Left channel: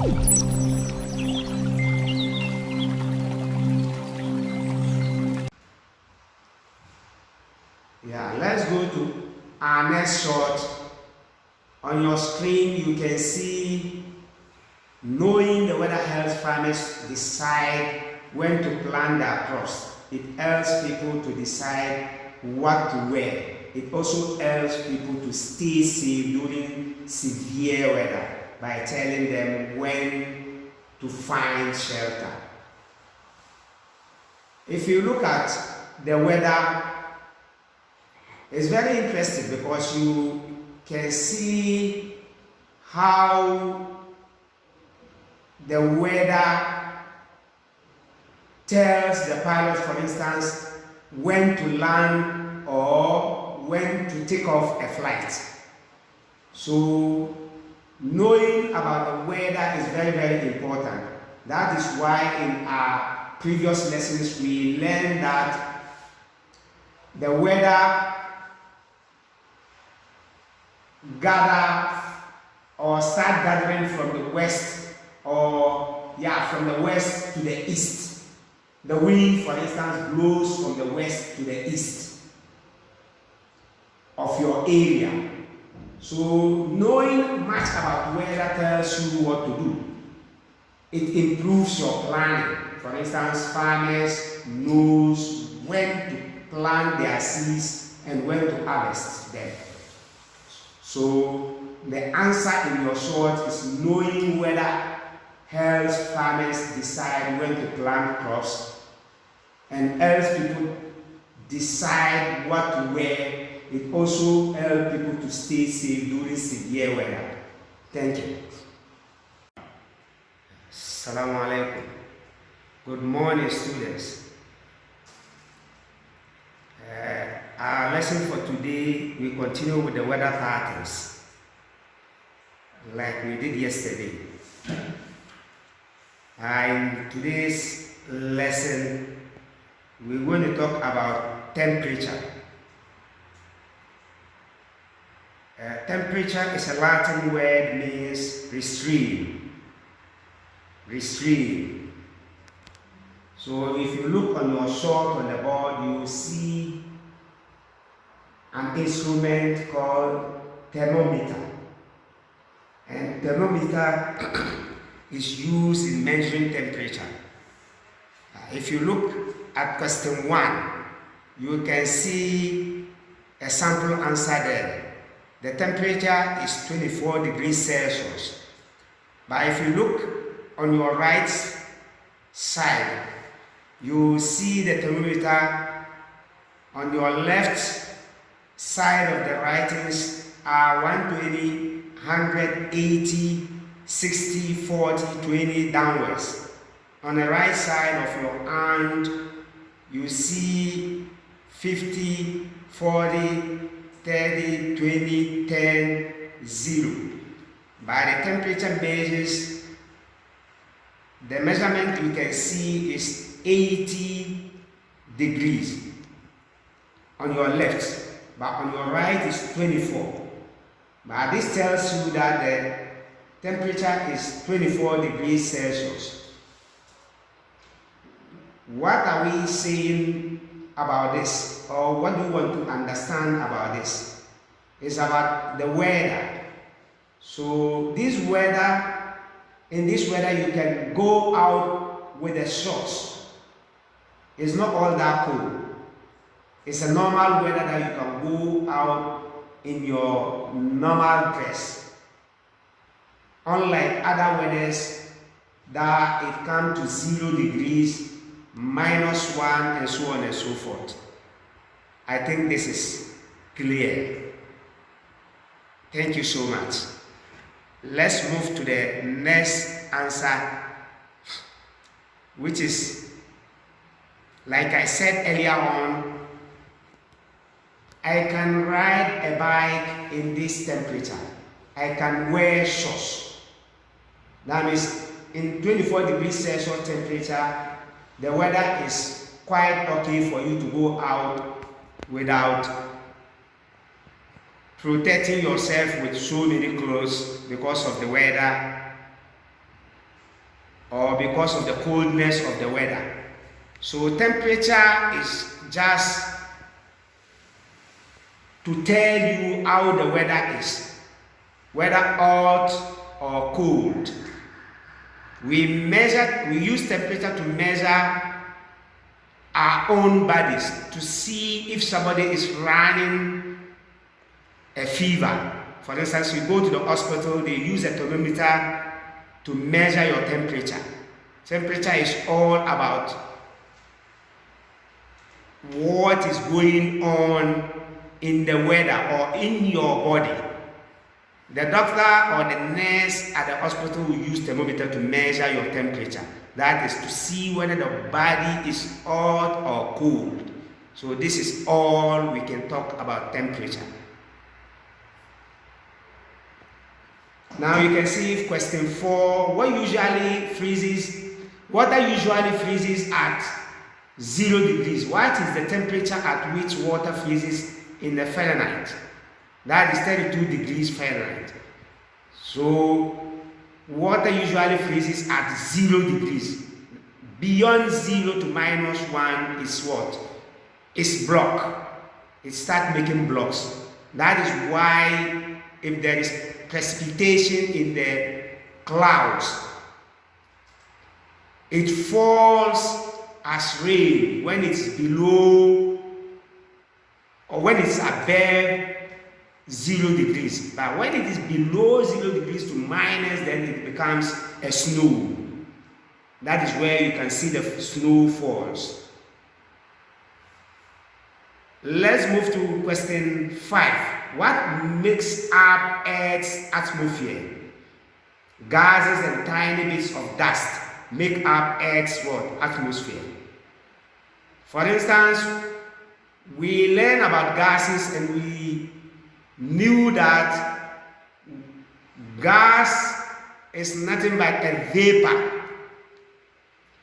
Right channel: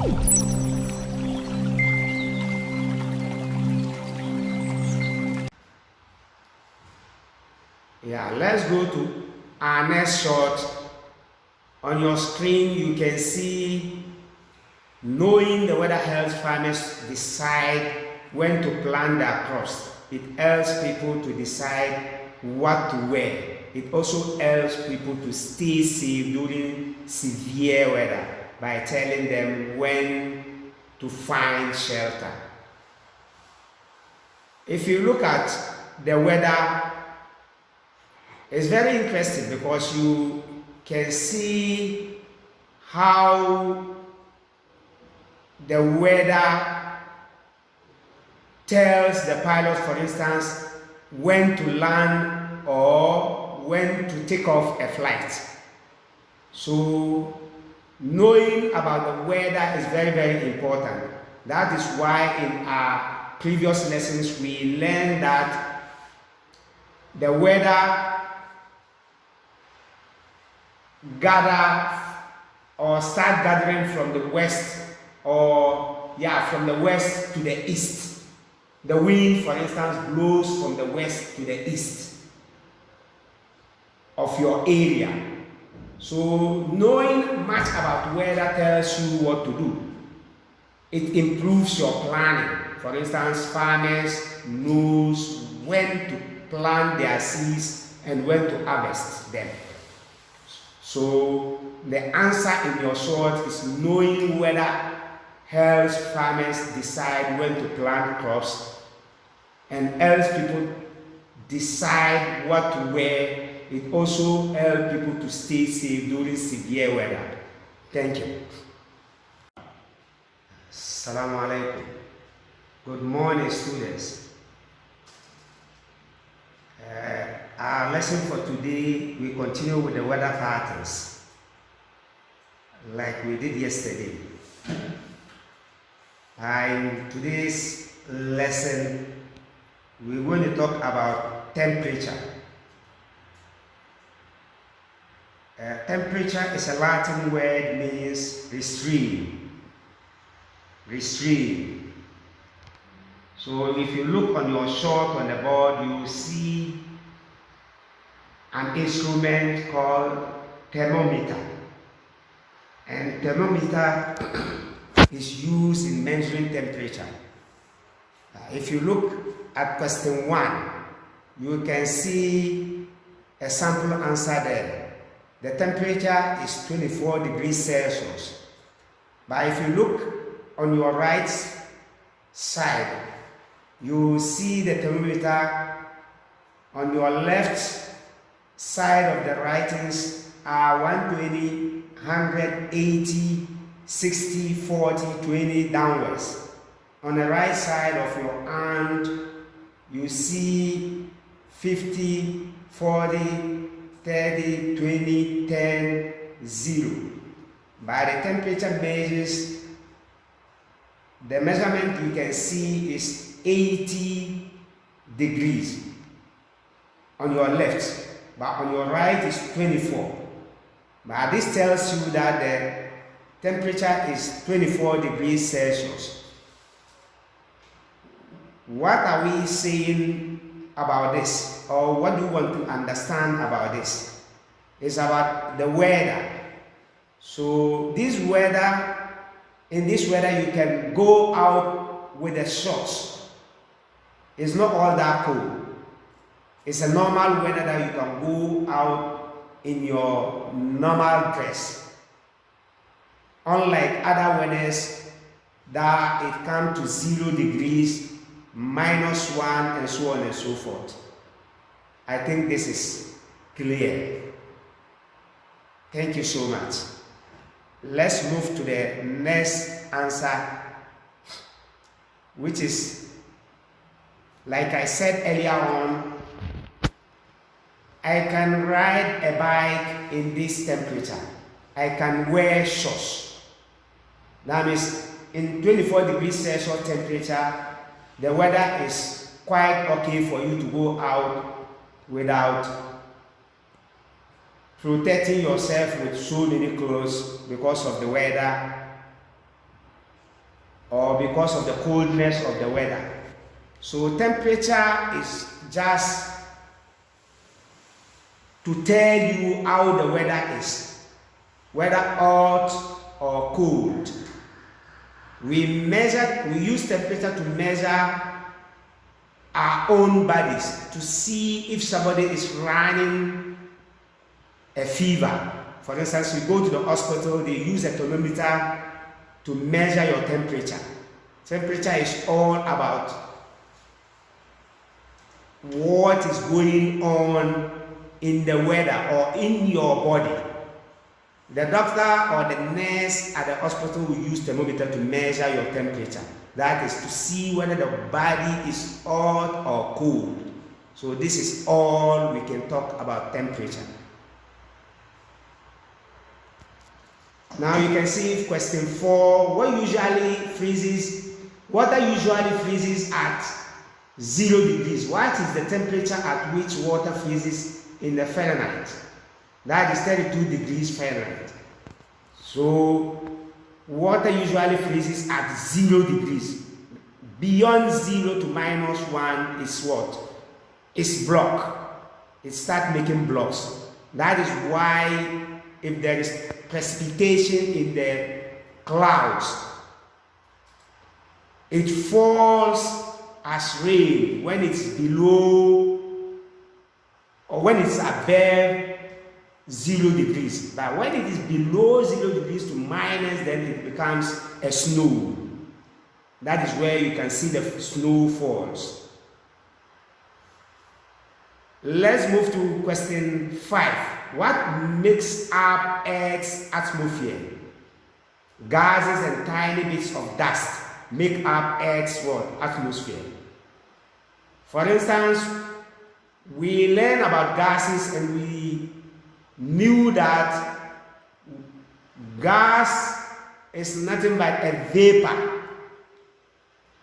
Yeah, let's go to our next shot. On your screen, you can see knowing the weather helps farmers decide when to plant their crops. It helps people to decide what to wear. It also helps people to stay safe during severe weather by telling them when to find shelter. If you look at the weather, it's very interesting because you can see how the weather tells the pilot, for instance, when to land or when to take off a flight. So knowing about the weather is very, very important. That is why in our previous lessons we learned that the weather start gathering from the west, from the west to the east. The wind, for instance, blows from the west to the east of your area. So knowing much about weather tells you what to do. It improves your planning. For instance, farmers knows when to plant their seeds and when to harvest them. So the answer in your short is knowing weather helps farmers decide when to plant crops and helps people decide what to wear. It also helps people to stay safe during severe weather. Thank you. Assalamu alaikum. Good morning, students. Our lesson for today, we continue with the weather patterns like we did yesterday. In today's lesson, we're going to talk about temperature. Temperature is a Latin word, means restrain. Restrain. So if you look on your short on the board, you will see an instrument called thermometer. And thermometer is used in measuring temperature. If you look at question 1, you can see a sample answer there. The temperature is 24 degrees Celsius. But if you look on your right side, you see the thermometer on your left side of the writings are 120, 180, 60, 40, 20 downwards. On the right side of your hand, you see 50, 40, 30, 20, 10, 0. By the temperature measures, the measurement you can see is 80 degrees on your left, but on your right is 24. But this tells you that the temperature is 24 degrees Celsius. What are we saying about this? Or what do you want to understand about this? It's about the weather. So in this weather you can go out with the shorts. It's not all that cold. It's a normal weather that you can go out in your normal dress. Unlike other weathers that it comes to 0 degrees, -1, and so on and so forth. I think this is clear. Thank you so much. Let's move to the next answer, which is, like I said earlier on, I can ride a bike in this temperature. I can wear shorts. That means in 24 degrees Celsius temperature, the weather is quite okay for you to go out without protecting yourself with so many clothes because of the weather. or because of the coldness of the weather. So temperature is just to tell you how the weather is, whether hot or cold. We use temperature to measure our own bodies to see if somebody is running a fever. For instance, you go to the hospital, they use a thermometer to measure your temperature. Temperature is all about what is going on in the weather or in your body. The doctor or the nurse at the hospital will use thermometer to measure your temperature. That is to see whether the body is hot or cold. So this is all we can talk about temperature. Now you can see question 4. Water usually freezes at 0 degrees. What is the temperature at which water freezes in the Fahrenheit? That is 32 degrees Fahrenheit. So water usually freezes at 0 degrees. Beyond 0 to -1 is what? It's block. It starts making blocks. That is why if there is precipitation in the clouds, it falls as rain when it's below or when it's above 0 degrees. But when it is below 0 degrees to minus, then it becomes a snow. That is where you can see the snow falls. Let's move to question 5. What makes up Earth's atmosphere? Gases and tiny bits of dust make up Earth's what? Atmosphere. For instance, we learn about gases and we knew that gas is nothing but a vapor.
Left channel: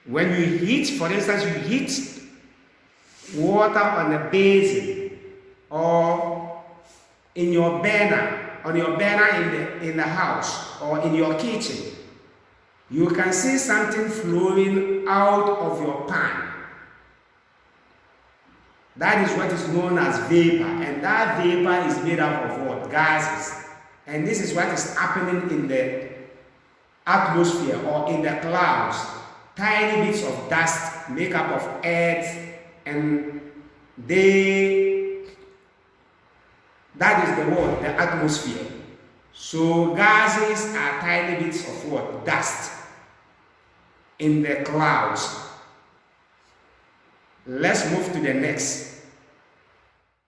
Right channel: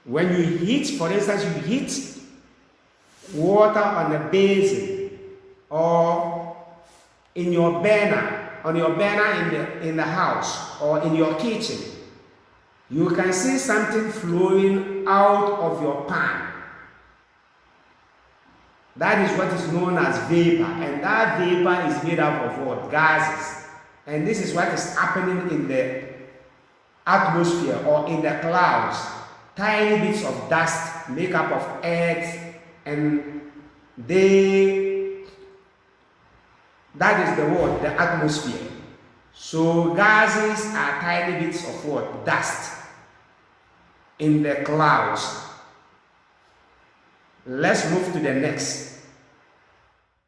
When you heat, for instance, you heat water on a basin or in your burner, in the house or in your kitchen, you can see something flowing out of your pan. That is what is known as vapor, and that vapor is made up of what? Gases. And this is what is happening in the atmosphere or in the clouds. Tiny bits of dust make up of Earth, and that is the word, the atmosphere. So gases are tiny bits of what? Dust in the clouds. Let's move to the next.